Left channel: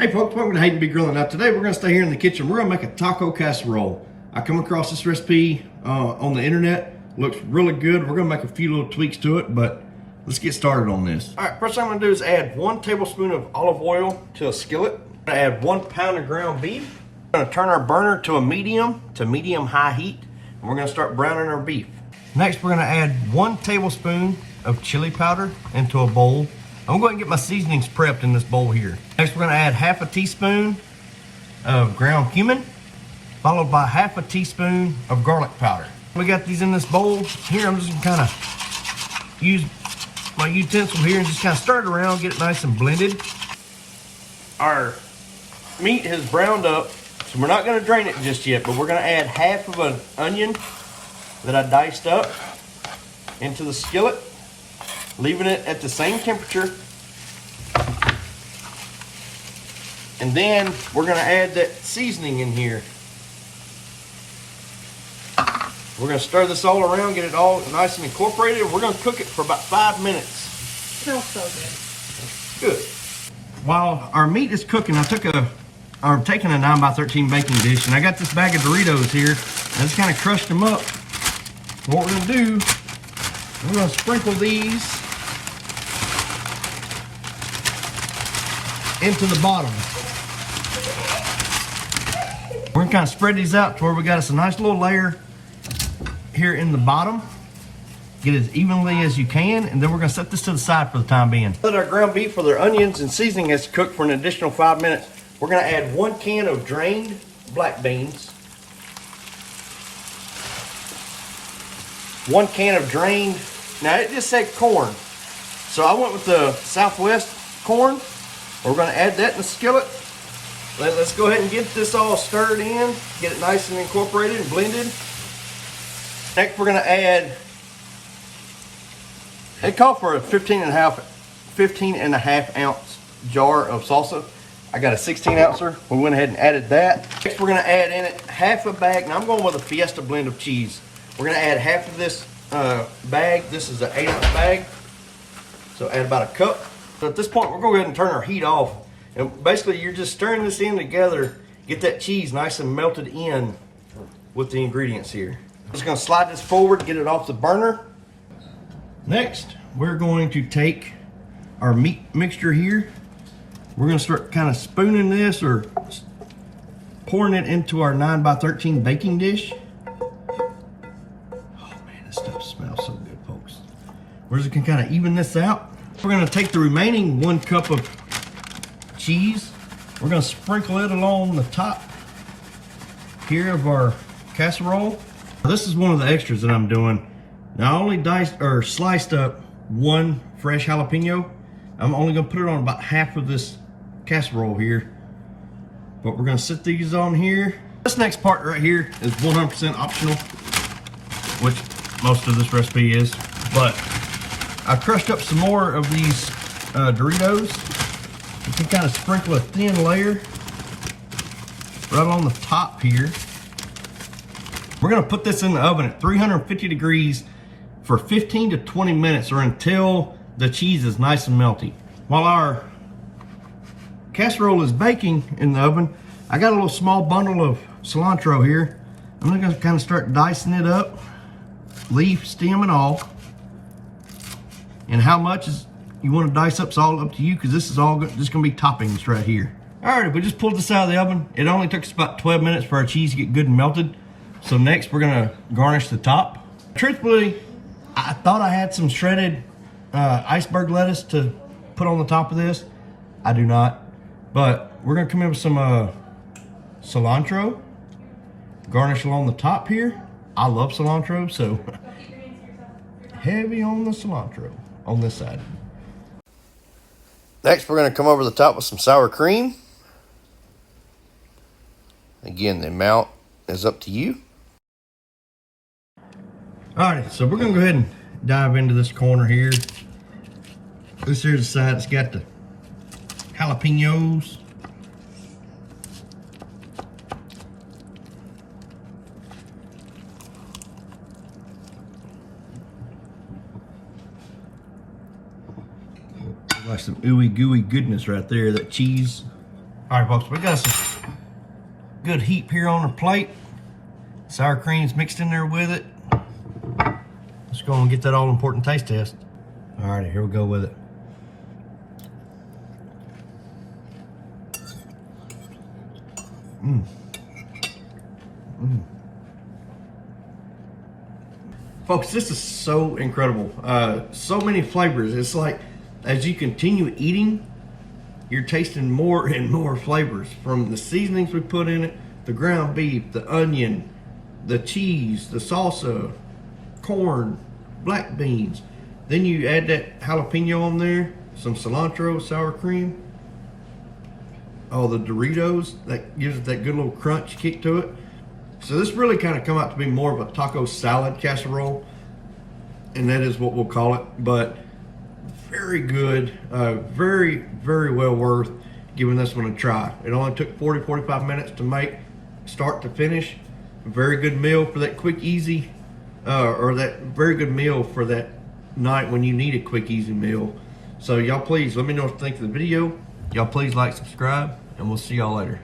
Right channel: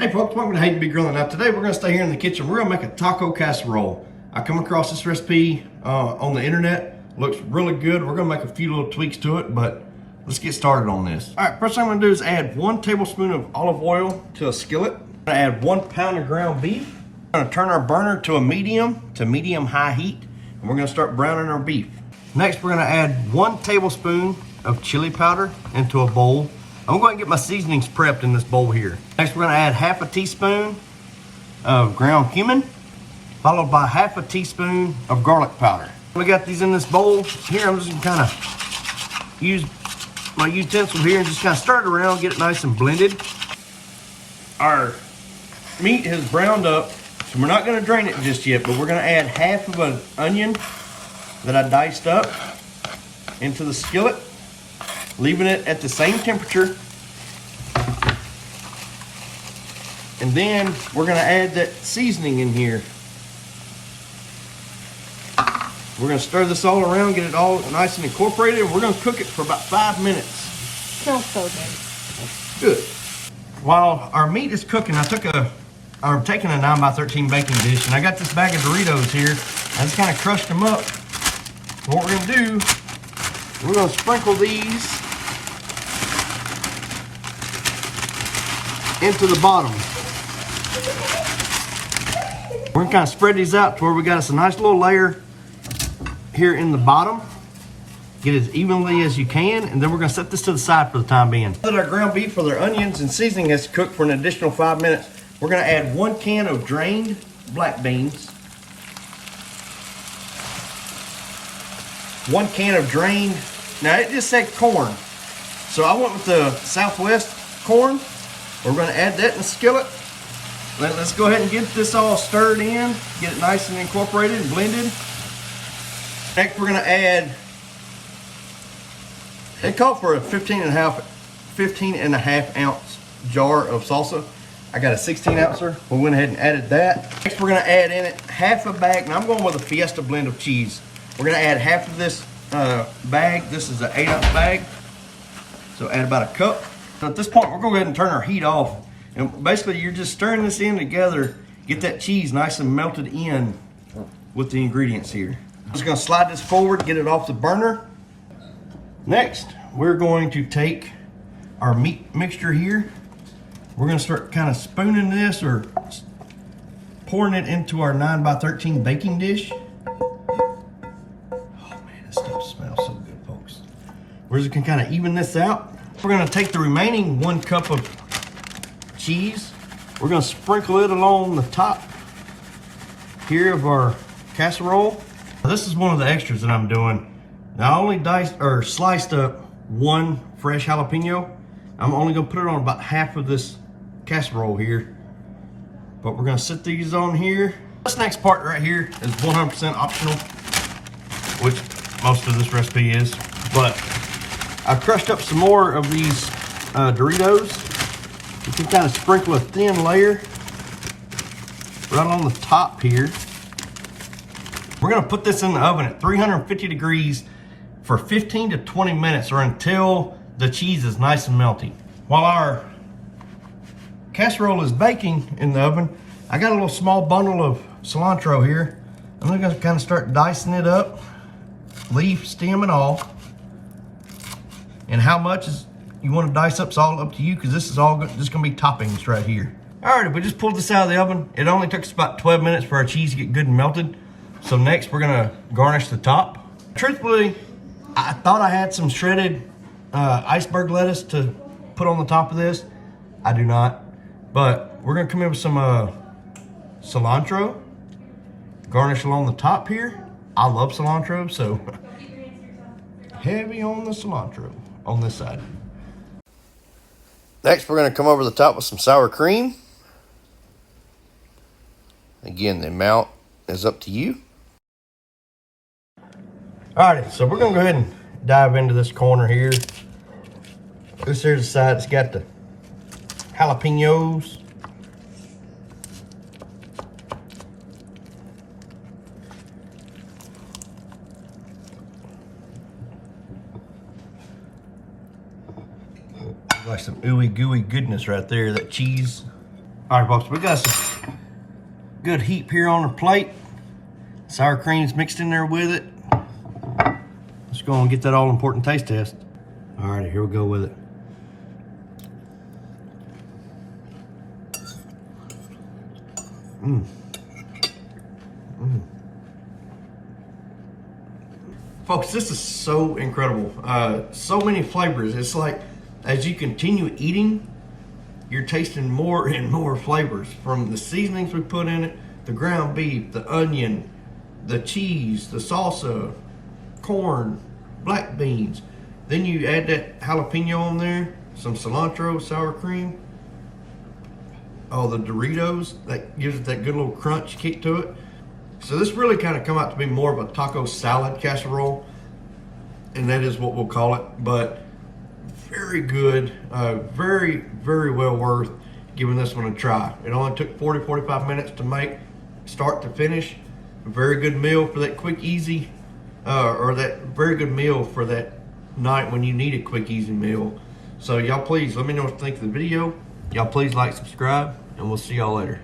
Hey folks, welcome to Hate to Be Grilling. Now today we're going to stay here in the kitchen. We're going to make a taco casserole. I come across this recipe on the internet. Looks really good. We're going to make a few little tweaks to it, but let's get started on this. All right, first thing I'm going to do is add 1 tablespoon of olive oil to a skillet. I'm going to add 1 pound of ground beef. We're going to turn our burner to a medium high heat, and we're going to start browning our beef. Next, we're going to add 1 tablespoon of chili powder into a bowl. I'm going to get my seasonings prepped in this bowl here. Next, we're going to add half a teaspoon of ground cumin, followed by half a teaspoon of garlic powder. We got these in this bowl here. I'm just going to kind of use my utensil here and just kind of stir it around, get it nice and blended. Our meat has browned up, so we're not going to drain it just yet, but we're going to add half of an onion that I diced up into the skillet, leaving it at the same temperature. And then we're going to add that seasoning in here. We're going to stir this all around, get it all nice and incorporated. We're going to cook it for about 5 minutes. Smells so good. Good. While our meat is cooking, I'm taking a 9x13 baking dish, and I got this bag of Doritos here. I just kind of crushed them up. And what we're going to do, we're going to sprinkle these into the bottom. We're gonna kind of spread these out to where we got us a nice little layer here in the bottom. Get it as evenly as you can, and then we're gonna set this to the side for the time being. Now that our ground beef with our onions and seasoning has cooked for an additional 5 minutes, we're gonna add 1 can of drained black beans, 1 can of drained, now it just said corn, so I went with the Southwest corn. We're going to add that in the skillet. Let's go ahead and get this all stirred in, get it nice and incorporated and blended. Next, we're going to add, it called for a 15 and a half ounce jar of salsa. I got a 16 ouncer. We went ahead and added that. Next, we're going to add in it half a bag. Now I'm going with a Fiesta blend of cheese. We're going to add half of this bag. This is an 8-ounce bag. So add about a cup. So at this point, we're going to go ahead and turn our heat off. And basically, you're just stirring this in together, get that cheese nice and melted in with the ingredients here. I'm just going to slide this forward, get it off the burner. Next, we're going to take our meat mixture here. We're going to start kind of spooning this or pouring it into our 9x13 baking dish. Oh man, this stuff smells so good, folks. We're just going to kind of even this out. We're going to take the remaining 1 cup of cheese. We're going to sprinkle it along the top here of our casserole. This is one of the extras that I'm doing. Now I only sliced up 1 fresh jalapeno. I'm only going to put it on about half of this casserole here. But we're going to set these on here. This next part right here is 100% optional, which most of this recipe is. But I crushed up some more of these Doritos. You can kind of sprinkle a thin layer right on the top here. We're going to put this in the oven at 350 degrees for 15 to 20 minutes or until the cheese is nice and melty. While our casserole is baking in the oven, I got a little small bundle of cilantro here. I'm going to kind of start dicing it up, leaf, stem, and all. And how much you want to dice up is all up to you, because this is all just going to be toppings right here. All right, we just pulled this out of the oven. It only took us about 12 minutes for our cheese to get good and melted. So next, we're going to garnish the top. Truthfully, I thought I had some shredded iceberg lettuce to put on the top of this. I do not. But we're going to come in with some cilantro. Garnish along the top here. I love cilantro, so heavy on the cilantro on this side. Next, we're going to come over the top with some sour cream. Again, the amount is up to you. Alrighty, so we're going to go ahead and dive into this corner here. This here's the side that's got the jalapenos. Like some ooey gooey goodness right there, that cheese. All right, folks, we got some good heat here on the plate. Sour cream's mixed in there with it. Let's go and get that all important taste test. All right, here we go with it. Folks, this is so incredible. So many flavors. It's like as you continue eating, you're tasting more and more flavors from the seasonings we put in it, the ground beef, the onion, the cheese, the salsa, corn, black beans. Then you add that jalapeno on there, some cilantro, sour cream. Oh, the Doritos, that gives it that good little crunch kick to it. So this really kind of come out to be more of a taco salad casserole, and that is what we'll call it. But very good, very, very well worth giving this one a try. It only took 40-45 minutes to make, start to finish. Very good meal for that quick, easy, or that very good meal for that night when you need a quick, easy meal. So y'all please let me know what you think of the video. Y'all please like, subscribe, and we'll see y'all later.